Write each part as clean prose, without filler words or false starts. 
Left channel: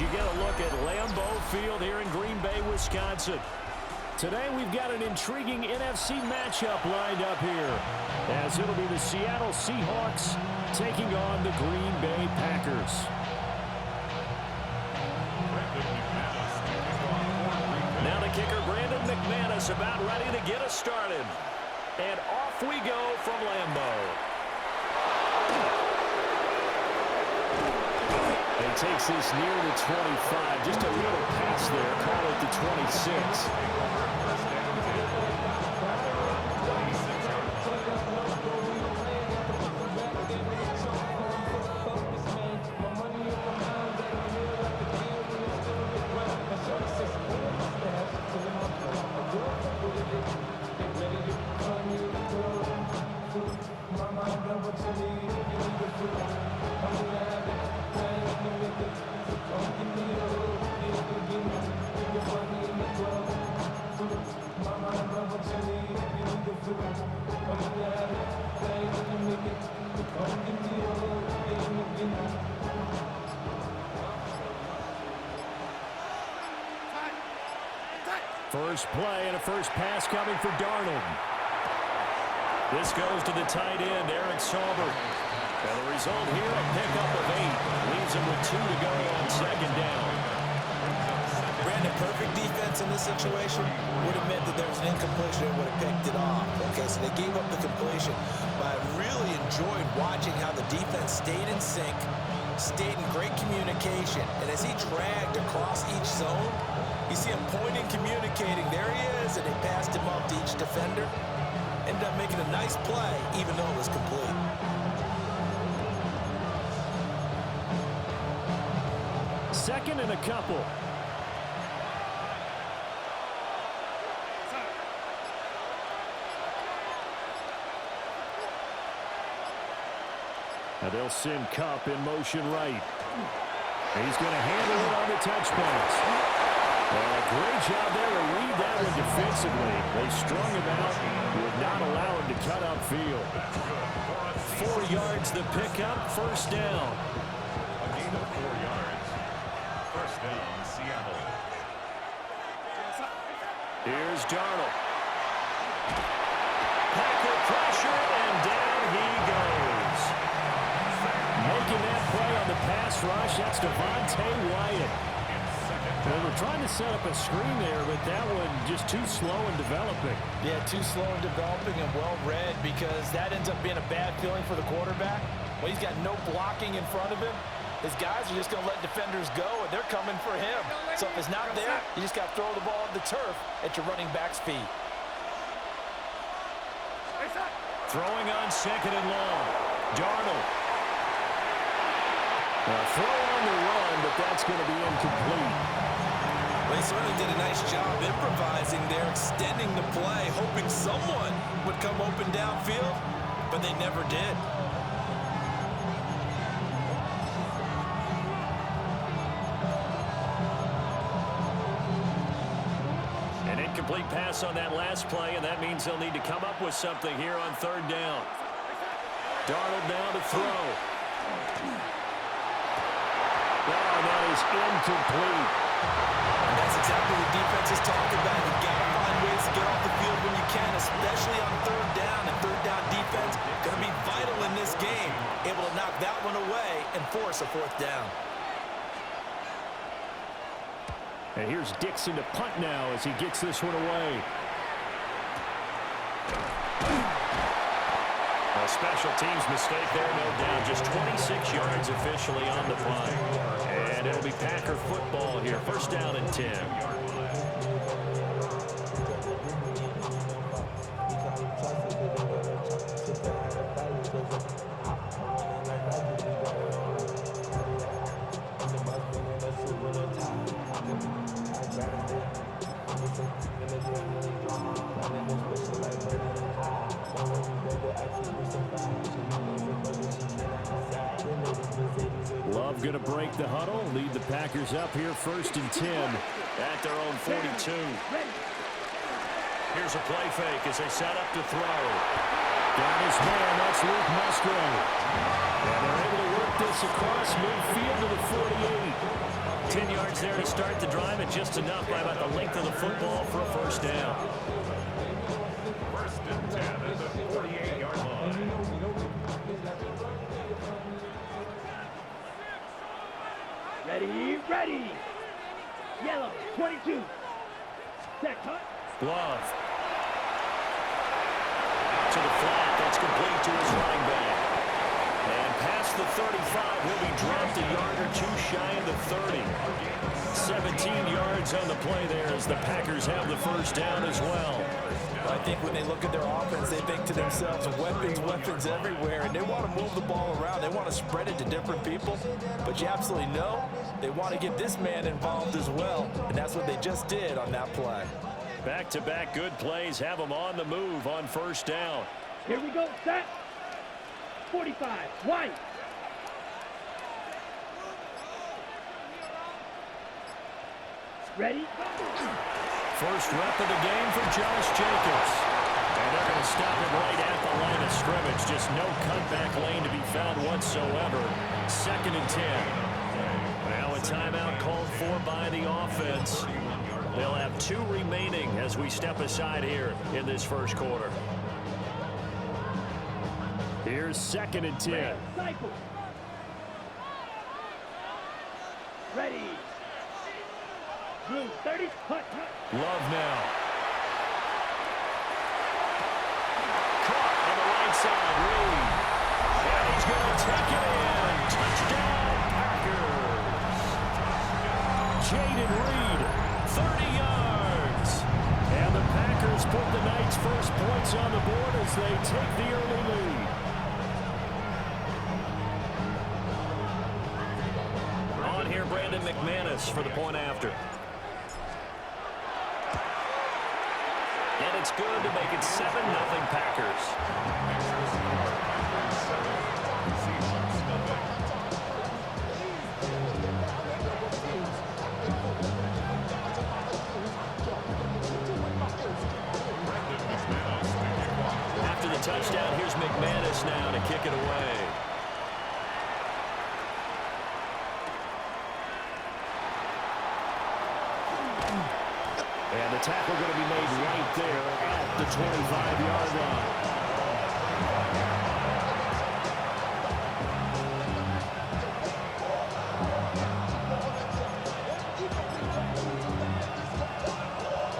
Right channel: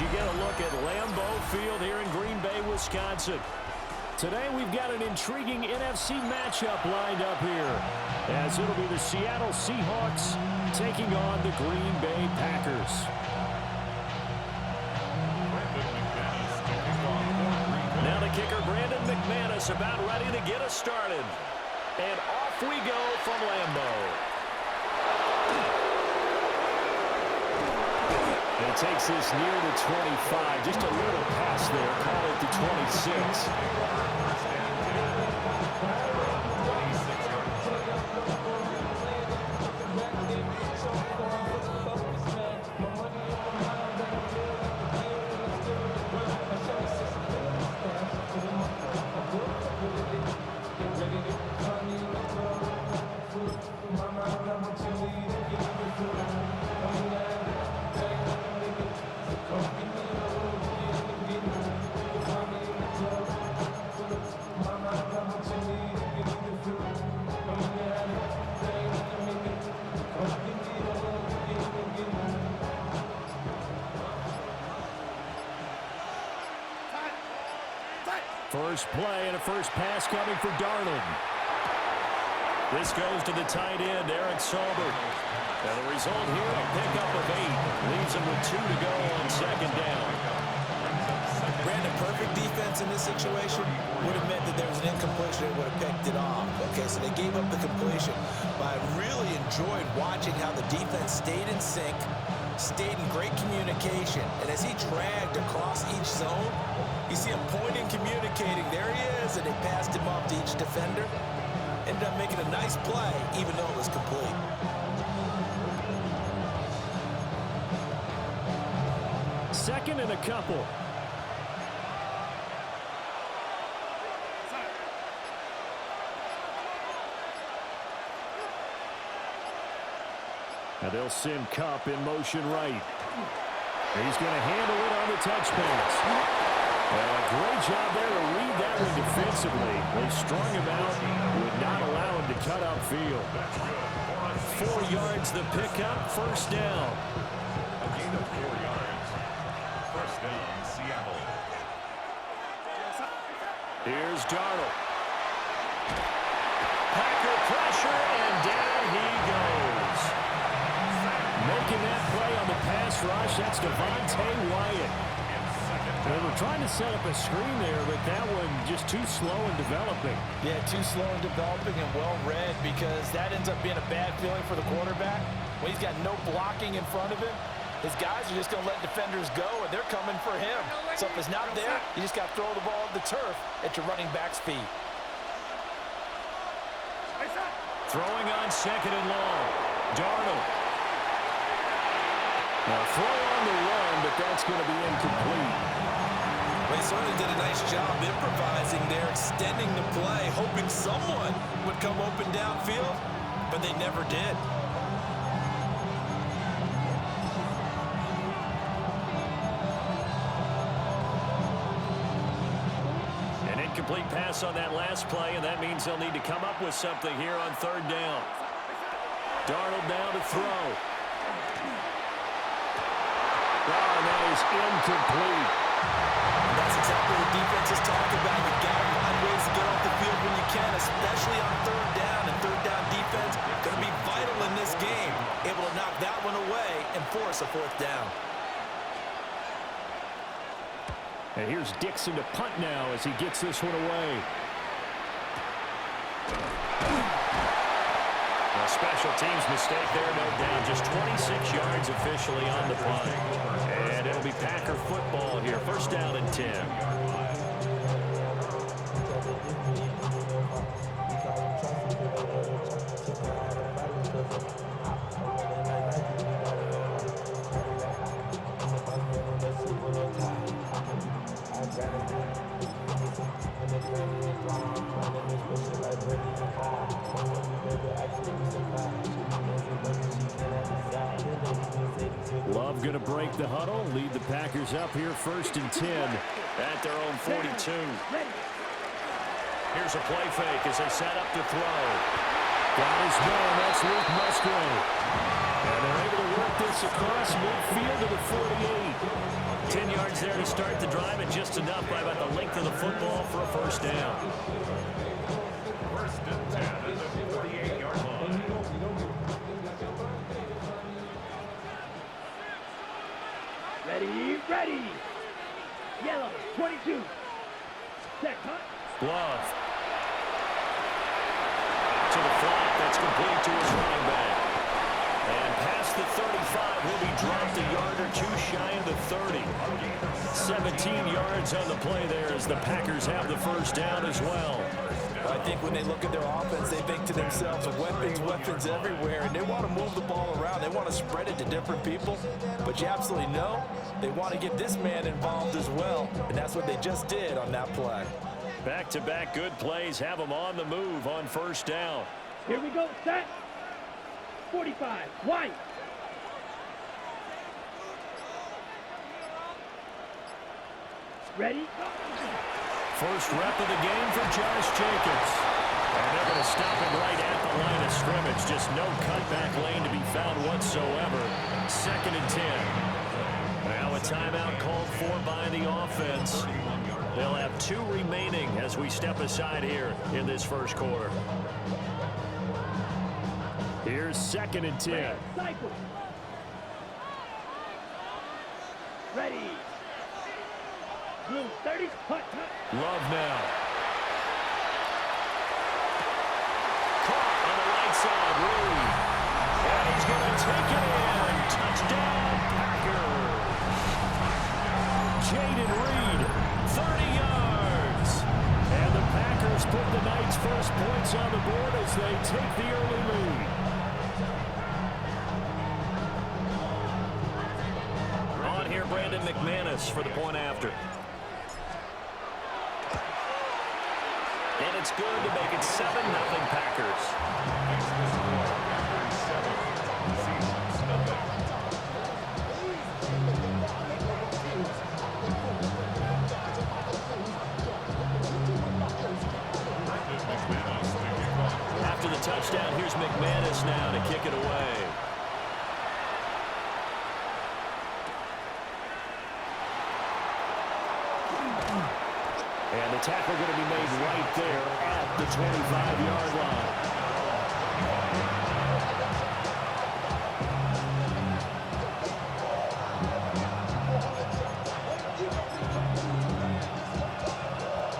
as you get a look at Lambeau Field here in Green Bay, Wisconsin. Today we've got an intriguing NFC matchup lined up here, as it'll be the Seattle Seahawks taking on the Green Bay Packers. Now the kicker, Brandon McManus, about ready to get us started. And off we go from Lambeau. He takes this near the 25. Just a little pass there. Call it the 26. First play and a first pass coming for Darnold. This goes to the tight end, Eric Saubert. And the result here, a pickup of 8. Leaves him with 2 to go on second down. Brandon, perfect defense in this situation would have meant that there was an incompletion and would have picked it off. Okay, so they gave up the completion. But I really enjoyed watching how the defense stayed in sync, stayed in great communication. And as he dragged across each zone, you see him pointing, communicating. There he is, and they passed him off to each defender. Ended up making a nice play, even though it was complete. Second and a couple. Now they'll send Kupp in motion right. He's going to handle it on the touch pass. And a great job there to read that one defensively. They strung him out, would not allow him to cut upfield. 4 yards the pickup, first down. A gain of 4 yards. First down, Seattle. Here's Darnold. Packer pressure, and down he goes. Making that play on the pass rush, that's Devontae Wyatt. They were trying to set up a screen there, but that one just too slow in developing. Yeah, too slow in developing and well read, because that ends up being a bad feeling for the quarterback. When he's got no blocking in front of him, his guys are just going to let defenders go, and they're coming for him. So if it's not there, you just got to throw the ball at the turf at your running back's feet. Throwing on second and long. Darnold. Now throw on the run, but that's going to be incomplete. Well, he certainly did a nice job improvising there, extending the play, hoping someone would come open downfield, but they never did. An incomplete pass on that last play, and that means they'll need to come up with something here on third down. Darnold now to throw. Oh, and that is incomplete. And that's exactly what defense is talking about. You've got to find ways to get off the field when you can, especially on third down. And third down defense going to be vital in this game. Able to knock that one away and force a fourth down. And here's Dixon to punt now as he gets this one away. A special teams mistake there, no doubt. Just 26 yards officially on the punt. And it'll be Packer football here. First down and 10. Love going to break the huddle, lead the Packers up here first and 10 at their own 42. Here's a play fake as they set up to throw. Got his man, that's Luke Musgrave. And they're able to work this across midfield to the 48. 10 yards there to start the drive, and just enough by about the length of the football for a first down. First and 10 at the 48-yard line. Ready. Yellow, 22. Set, cut. Love. Out to the flat. That's complete to his running back. And past the 35, he'll be dropped a yard or two shy of the 30. 17 yards on the play there as the Packers have the first down as well. I think when they look at their offense, they think to themselves, weapons everywhere, and they want to move the ball around. They want to spread it to different people, but you absolutely know they want to get this man involved as well, and that's what they just did on that play. Back-to-back good plays have them on the move on first down. Here we go, set. 45, wide. Ready, go. First rep of the game for Josh Jacobs. And they're going to stop him right at the line of scrimmage. Just no cutback lane to be found whatsoever. 2nd and 10. Now a timeout called for by the offense. They'll have 2 remaining as we step aside here in this first quarter. Here's 2nd and 10. Cycle. Ready. Blue, 30, cut. Love now. Caught on the right side, Reed. And he's going to take it in. Touchdown, Packers. Jaden Reed, 30 yards. And the Packers put the night's first points on the board as they take the early lead. On here, Brandon McManus for the point after. And it's good to make it 7-0 Packers. Makes the score Packers 7, Seahawks nothing. Brandon McManus to kick off. After the touchdown, here's McManus now to kick it away. And the tackle going to be made right there at the 25-yard line.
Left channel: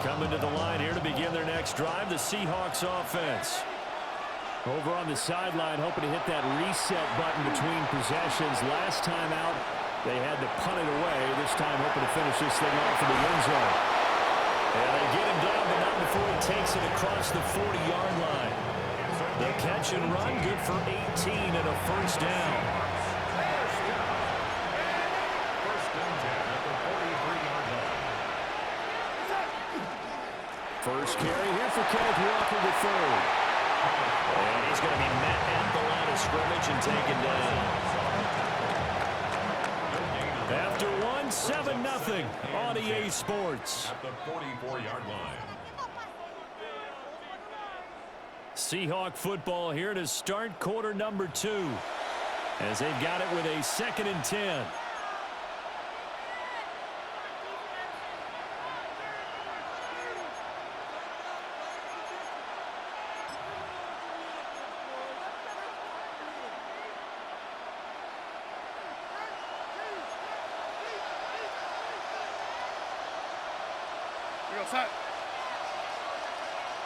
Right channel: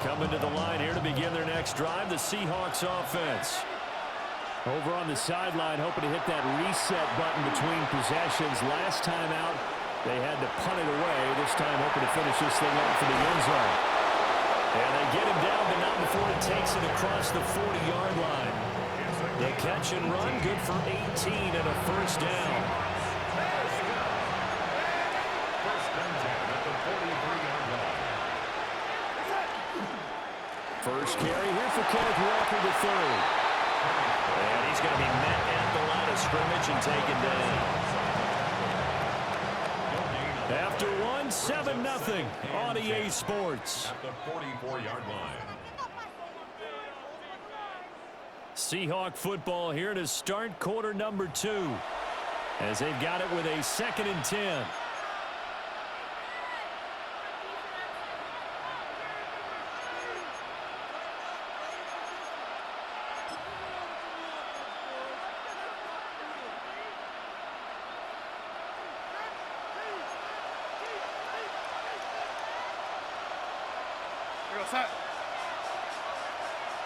Coming to the line here to begin their next drive, the Seahawks offense. Over on the sideline, hoping to hit that reset button between possessions. Last time out, they had to punt it away. This time, hoping to finish this thing off in the end zone. And they get him down, but not before he takes it across the 40-yard line. The catch and run, good for 18 and a first down. First and 10 at the 43-yard line. First carry here for Kenneth Walker III. And he's going to be met at the line of scrimmage and taken down. After 7-0 on EA Sports. At the 44-yard line. Seahawk football here to start quarter number 2. As they've got it with a 2nd and 10. Set.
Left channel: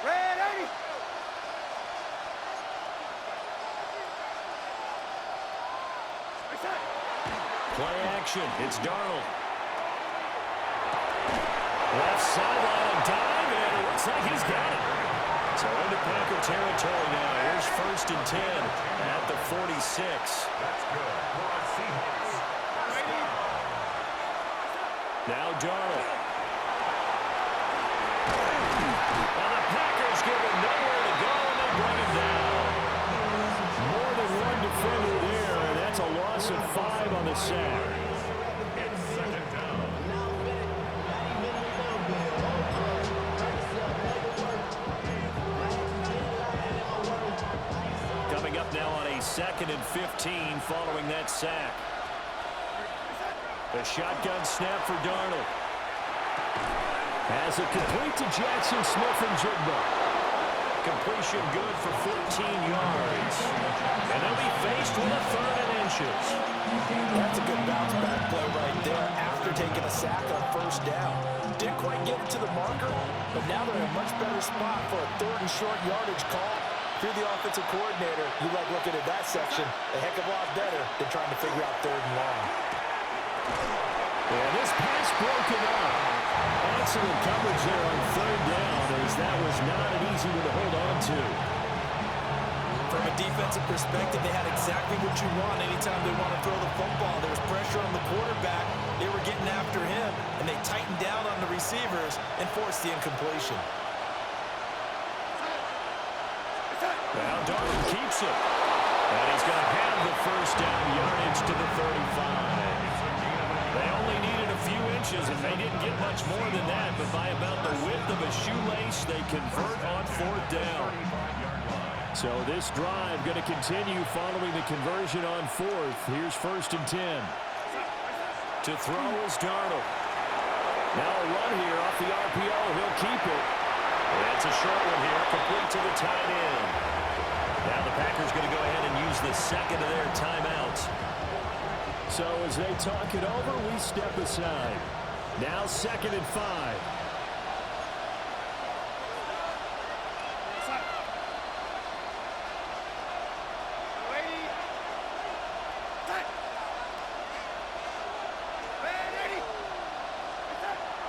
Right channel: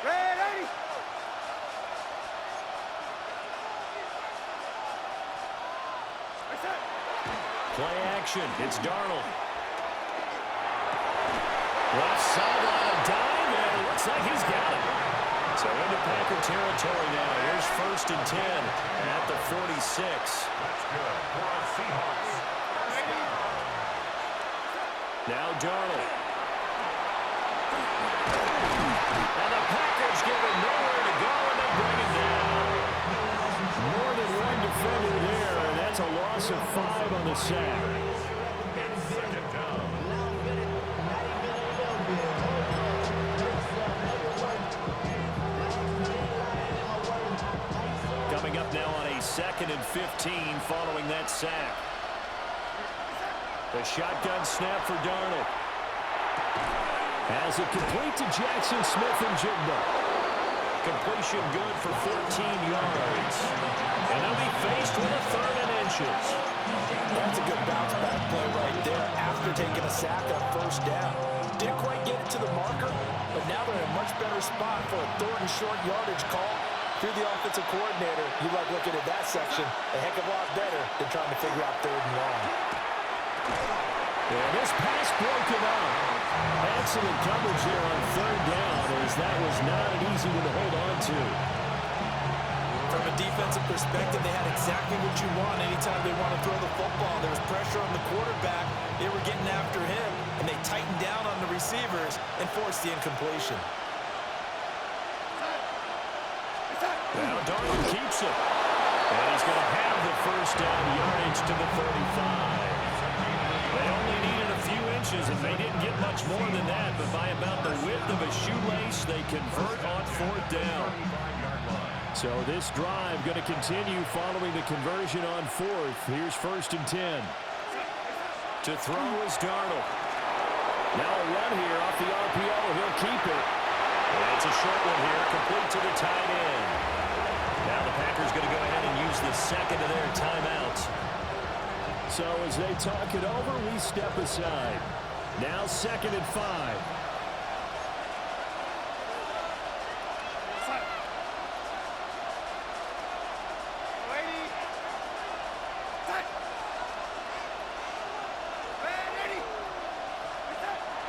Ready. Play action. It's Darnold. Left sideline, a dive, and it looks like he's got it. So into Packer territory now. Here's 1st and 10 at the 46. That's good for our Seahawks. First down. Now Darnold. And the Packers give him nowhere to go, and they bring him down. More than one defender there, and that's a loss of 5 on the sack. It's 2nd down. Coming up now on a 2nd and 15 following that sack. The shotgun snap for Darnold. Has it complete to Jackson Smith-Njigba. Completion good for 14 yards. And they'll be faced with a 3rd and inches. That's a good bounce-back play right there after taking a sack on 1st down. Didn't quite get it to the marker, but now they're in a much better spot for a 3rd and short yardage call. If you're the offensive coordinator, you like looking at that section a heck of a lot better than trying to figure out 3rd and long. And this pass broken up. Excellent coverage there on 3rd down, as that was not an easy one to hold on to. From a defensive perspective, they had exactly what you want anytime they want to throw the football. There was pressure on the quarterback. They were getting after him, and they tightened down on the receivers and forced the incompletion. Now Darnold keeps it. And he's going to have the 1st down yardage to the 35. They only needed a few inches, and they didn't get much more than that. But by about the width of a shoelace, they convert on 4th down. So this drive going to continue following the conversion on 4th. Here's 1st and 10. To throw is Darnold. Now a run here off the RPO. He'll keep it. It's a short one here, complete to the tight end. Now the Packers going to go ahead and use the 2nd of their timeouts. So as they talk it over, we step aside. Now 2nd and 5.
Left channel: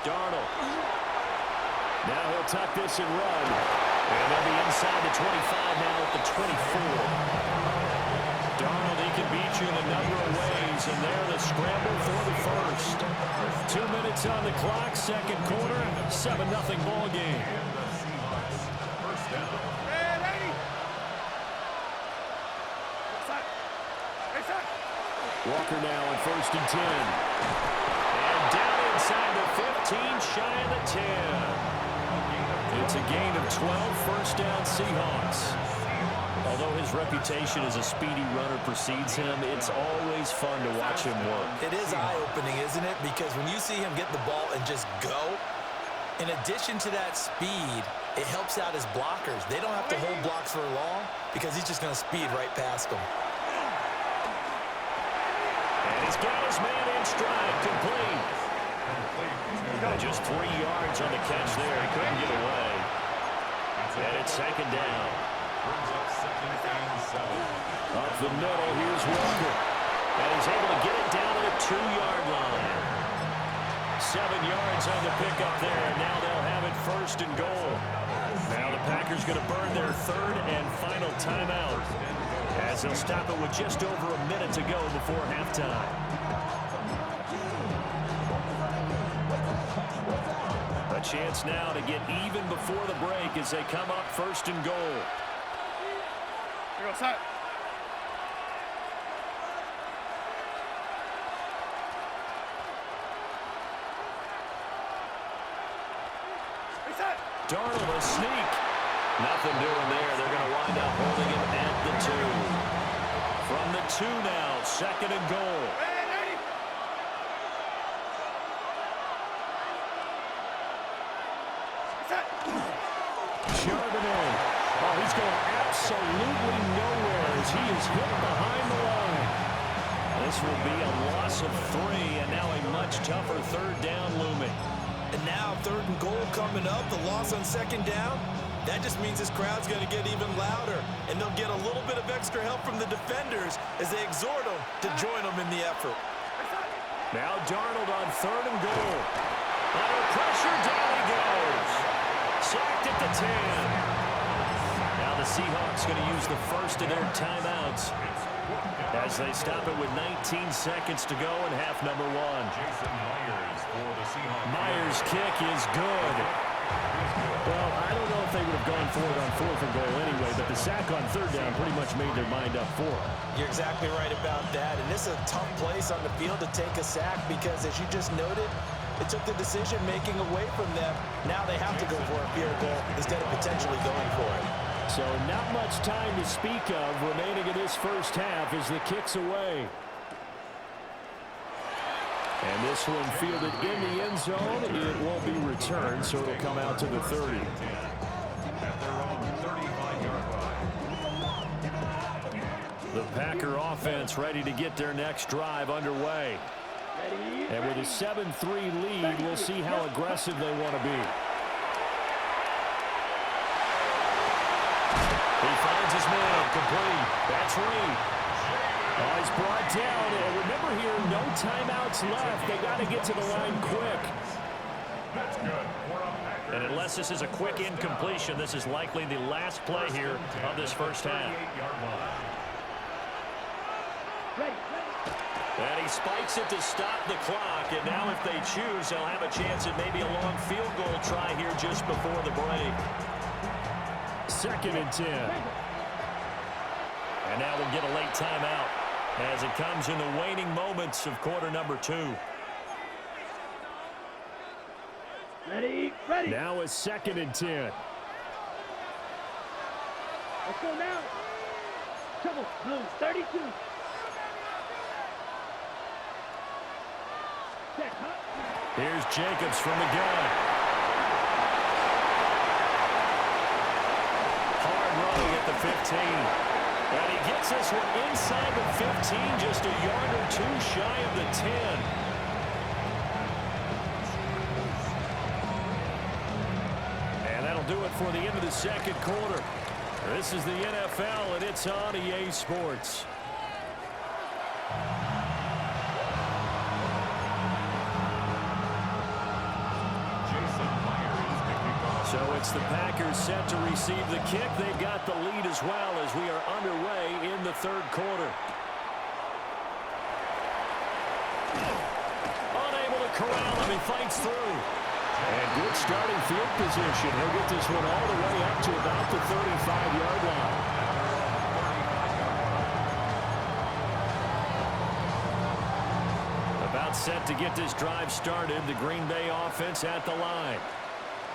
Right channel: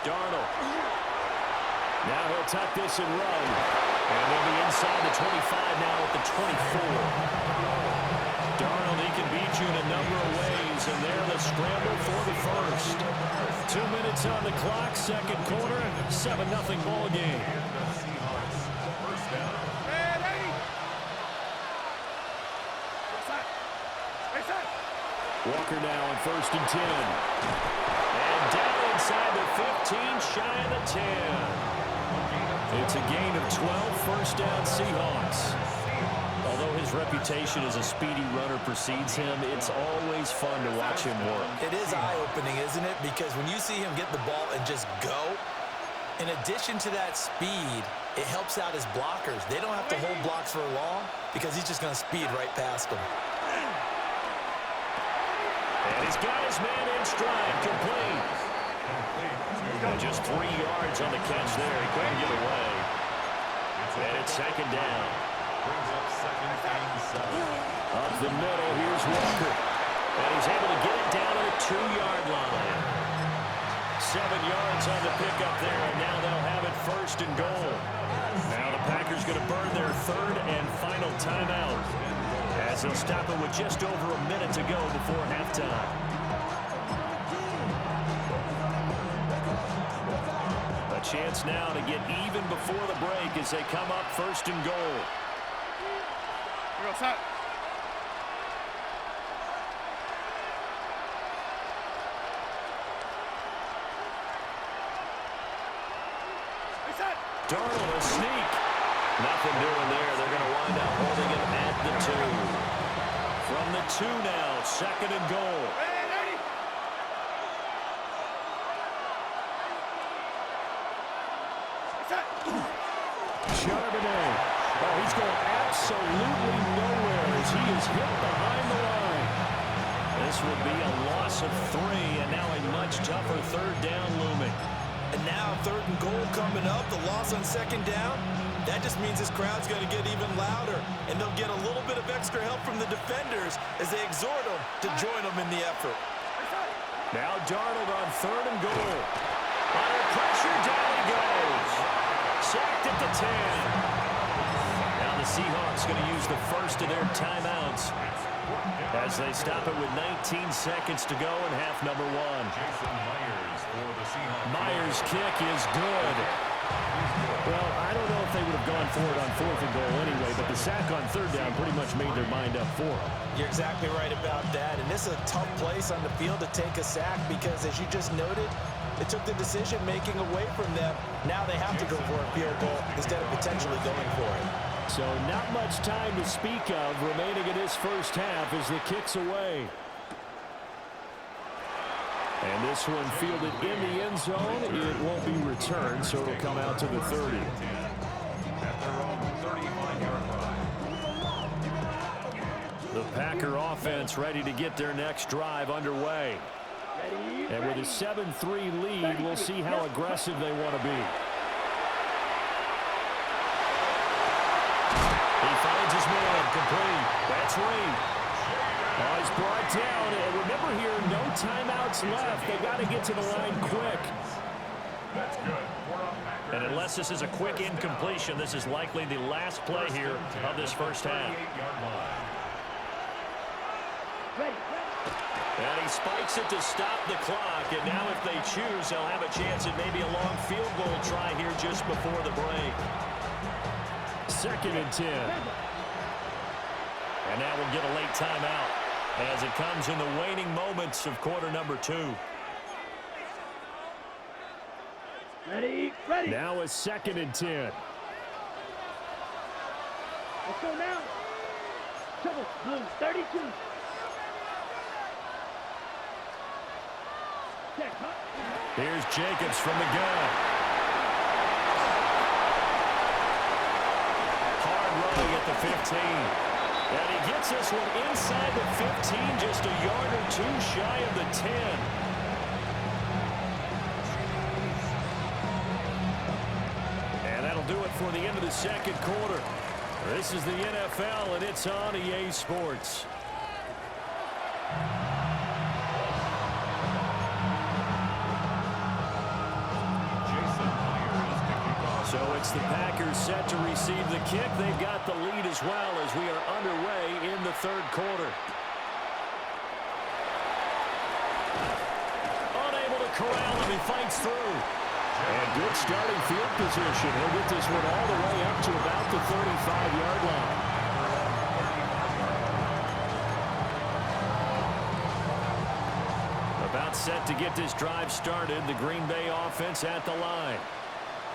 Darnold. Now he'll tuck this and run. And they'll be inside the 25 now at the 24. Darnold, he can beat you in a number of ways, and there the scramble for the 1st. 2 minutes on the clock, 2nd quarter, 7-0 ball game. And the Seahawks, 1st down. Walker now on 1st and 10. And down inside the 15, shy of the 10. It's a gain of 12, 1st down Seahawks. Although his reputation as a speedy runner precedes him, it's always fun to watch him work. It is eye-opening, isn't it? Because when you see him get the ball and just go, in addition to that speed, it helps out his blockers. They don't have to hold blocks for long because he's just going to speed right past them. And he's got his man in stride, complete. And just 3 yards on the catch there. He couldn't get away. And it's 2nd down. Brings up 2nd and 7. Up the middle, here's Walker. And he's able to get it down to the 2-yard line. 7 yards on the pickup there, and now they'll have it 1st and goal. Now the Packers going to burn their 3rd and final timeout, as they'll stop it with just over a minute to go before halftime. A chance now to get even before the break as they come up 1st and goal. Here goes set. Darnold, a sneak. Nothing doing there. They're going to wind up holding him at the 2. From the 2 now, 2nd and goal. Charbonnet. Oh, he's going absolutely nowhere as he is hit behind the line. This will be a loss of 3, and now a much tougher 3rd down looming. And now 3rd and goal coming up, the loss on 2nd down. That just means this crowd's going to get even louder, and they'll get a little bit of extra help from the defenders as they exhort them to join them in the effort. Now Darnold on 3rd and goal. Under pressure, down he goes. Sacked at the 10. Now the Seahawks going to use the 1st of their timeouts as they stop it with 19 seconds to go in half number 1. Jason Myers for the Seahawks. Myers' kick is good. Well, I don't know if they would have gone for it on 4th and goal anyway, but the sack on 3rd down pretty much made their mind up for them. You're exactly right about that, and this is a tough place on the field to take a sack because, as you just noted, it took the decision-making away from them. Now they have to go for a field goal instead of potentially going for it. So not much time to speak of remaining in this 1st half as the kick's away. And this one fielded in the end zone. It won't be returned, so it'll come out to the 30. At their own 35-yard line. The Packer offense ready to get their next drive underway. And with a 7-3 lead, we'll see how aggressive they want to be. He finds his man, complete. That's Reed. Oh, he's brought down. And remember here, no timeouts left. They got to get to the line quick. That's good. And unless this is a quick incompletion, this is likely the last play here of this first half. And he spikes it to stop the clock. And now if they choose, they'll have a chance at maybe a long field goal try here just before the break. 2nd and 10. And now we'll get a late timeout as it comes in the waning moments of quarter number 2. Ready. Now a 2nd and 10. Let's go now. Trouble, blue, 32. Set, hut. Here's Jacobs from the gun. Hard running at the 15. And he gets this one inside the 15, just a yard or two shy of the 10. And that'll do it for the end of the second quarter. This is the NFL, and it's on EA Sports. So it's the Packers set to receive the kick. They've got the lead as well as we are underway in the third quarter. Unable to corral him. He fights through. And good starting field position. He'll get this one all the way up to about the 35-yard line. About set to get this drive started. The Green Bay offense at the line.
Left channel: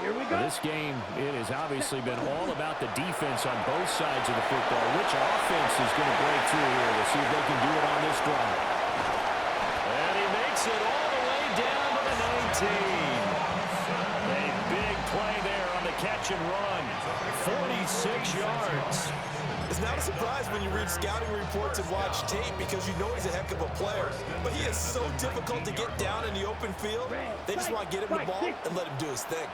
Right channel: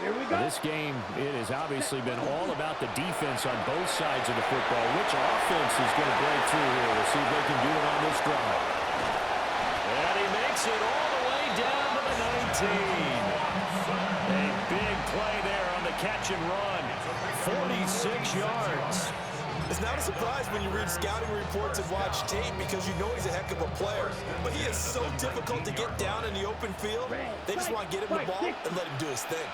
Here we go. This game, it has obviously been all about the defense on both sides of the football. Which offense is going to break through here? We'll see if they can do it on this drive. And he makes it all the way down to the 19. A big play there on the catch and run. 46 yards. It's not a surprise when you read scouting reports and watch tape because you know he's a heck of a player. But he is so difficult to get down in the open field. They just want to get him the ball and let him do his thing.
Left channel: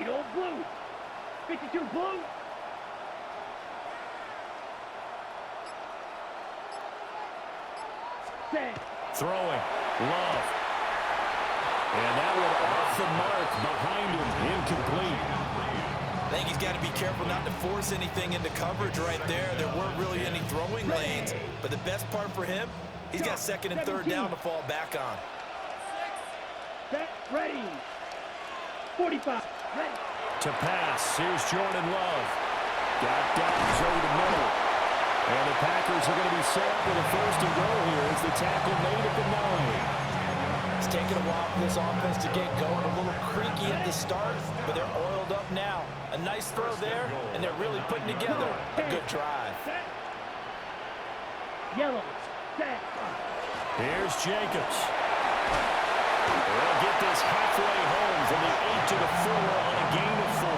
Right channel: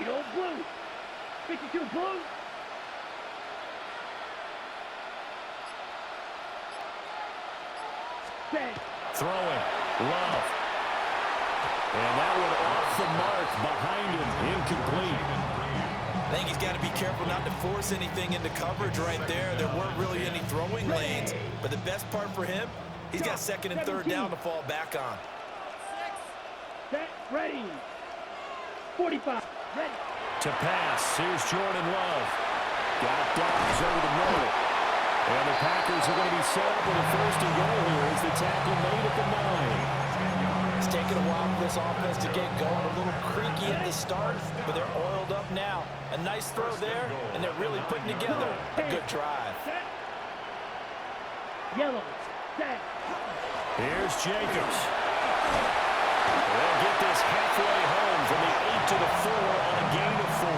Edo blue. 52 blue. Set. Throwing. Love. And that one off the mark behind him. Incomplete. I think he's got to be careful not to force anything into coverage right there. There weren't really any throwing lanes. But the best part for him, he's got 2nd and 3rd down to fall back on. Set. Ready. 45. Ready. To pass. Here's Jordan Love. Got Dobbs over the middle. And the Packers are going to be set up with a 1st and goal here as the tackle made at the 9. It's taken a while for this offense to get going. A little creaky at the start, but they're oiled up now. A nice throw there, and they're really putting together a good drive. Set. Yellow. Set. Here's Jacobs. They'll get this halfway home from the 8 to the 4 on a gain of 4.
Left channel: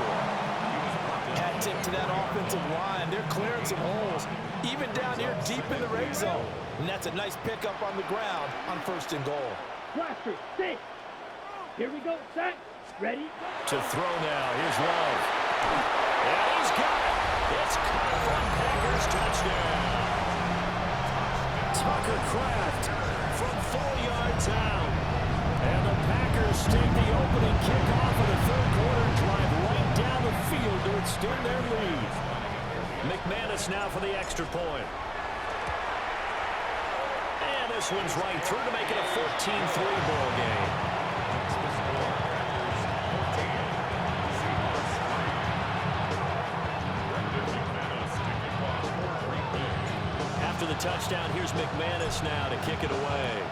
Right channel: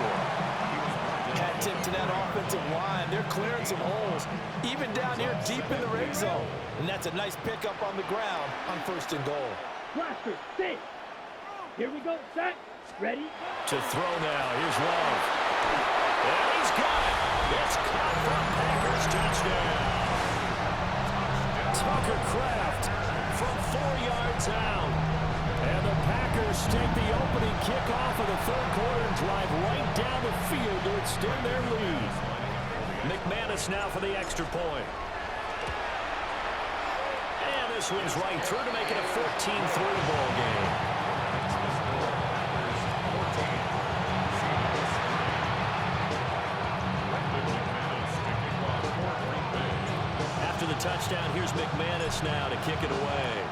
Hat tip to that offensive line. They're clearing some holes, even down here deep in the red zone. And that's a nice pickup on the ground on 1st and goal. Blaster. Set. Here we go. Set. Ready. To throw now. Here's Love. And he's got it. It's caught from Packers touchdown. Tucker Kraft from 4 yards out. And the Packers take the opening kickoff of the third quarter and drive right down the field to extend their lead. McManus now for the extra point. And this one's right through to make it a 14-3 ball game. After the touchdown, here's McManus now to kick it away.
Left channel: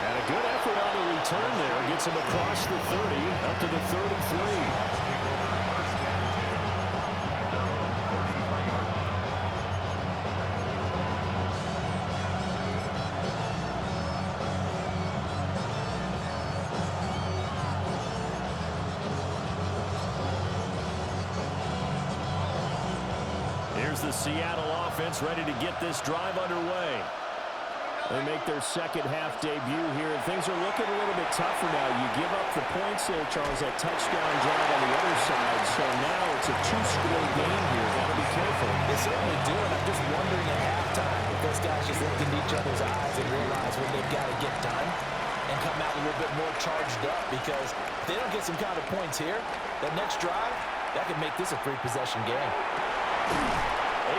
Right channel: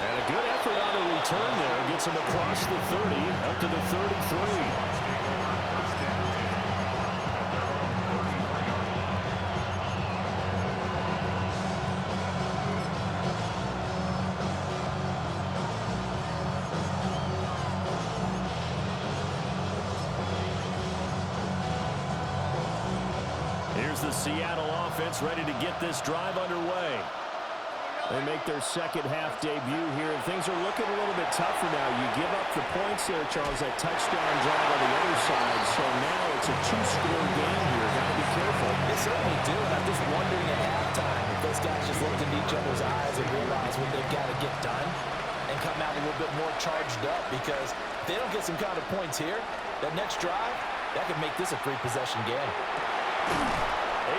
And a good effort on the return there. Gets him across the 30, up to the 33. Here's the Seattle offense ready to get this drive underway. They make their second half debut here, and things are looking a little bit tougher now. You give up the points there, Charles, that touchdown drive on the other side. So now it's a two-score game here. Got to be careful. They certainly do, and I'm just wondering at halftime if those guys just looked into each other's eyes and realized what they've got to get done and come out a little bit more charged up, because if they don't get some kind of points here, that next drive, that could make this a three-possession game.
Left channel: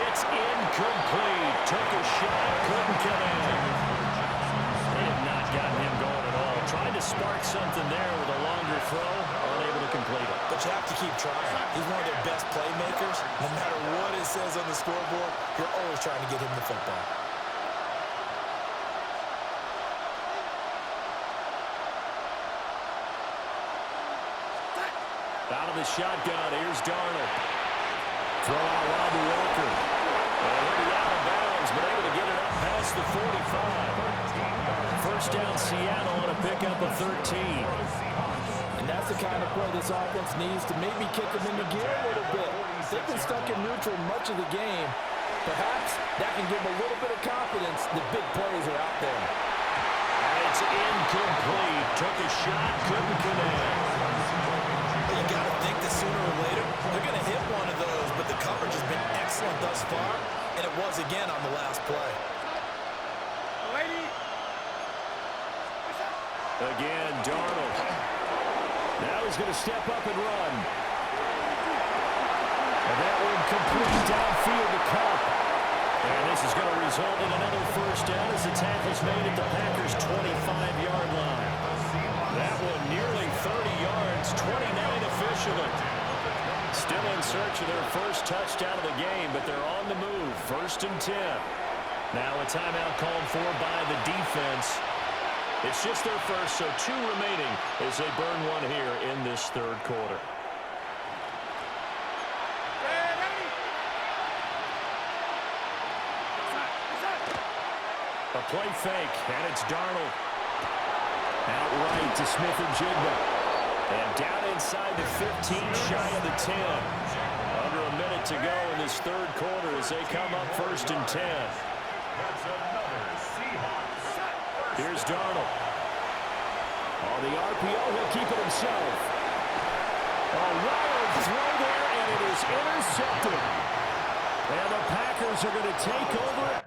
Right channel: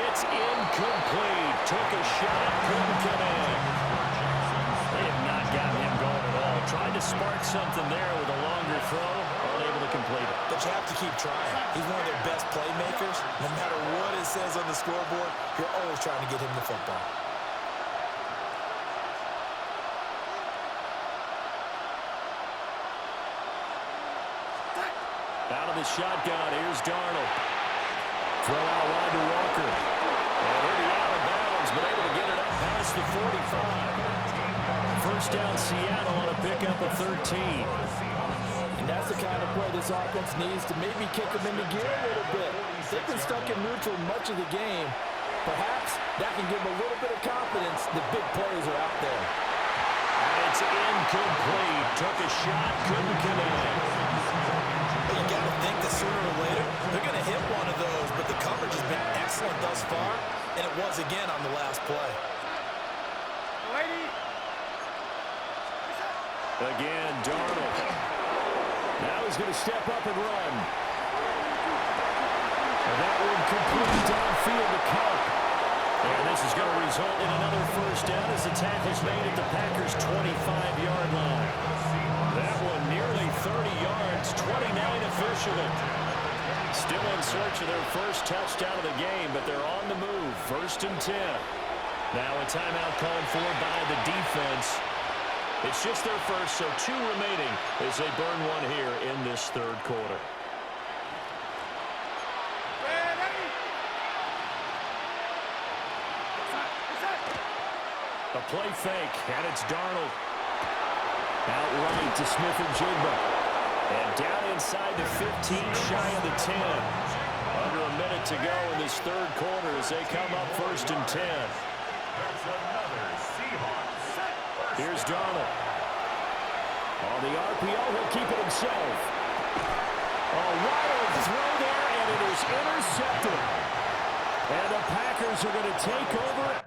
It's incomplete. Took a shot, couldn't connect. They have not gotten him going at all. Tried to spark something there with a longer throw, unable to complete it. But you have to keep trying. He's one of their best playmakers. No matter what it says on the scoreboard, you're always trying to get him the football. Out of the shotgun, here's Darnold. Throw out wide to Walker. And he'll be out of bounds, but able to get it up past the 45. First down, Seattle on a pickup of 13. And that's the kind of play this offense needs to maybe kick them into gear a little bit. They've been stuck in neutral much of the game. Perhaps that can give them a little bit of confidence that big plays are out there. And it's incomplete. Took a shot, couldn't connect. But you got to think that sooner or later, they're going to hit one of those, but the coverage has been excellent thus far, and it was again on the last play. Again, Darnold. Now he's going to step up and run. And that one complete downfield to Cup. And this is going to result in another first down as the tackle's made at the Packers' 25-yard line. That one nearly 30 yards, 29 officially. Still in search of their first touchdown of the game, but they're on the move. 1st and 10. Now a timeout called for by the defense. It's just their first, so 2 remaining as they burn one here in this third quarter. A play fake, and it's Darnold. Out right to Smith and Jigba. And down inside the 15, shy of the 10. Under a minute to go in this third quarter as they come up 1st and 10. That's another Seahawks. Here's Darnold. On the RPO, he'll keep it himself. A wild throw there, and it is intercepted. And the Packers are going to take over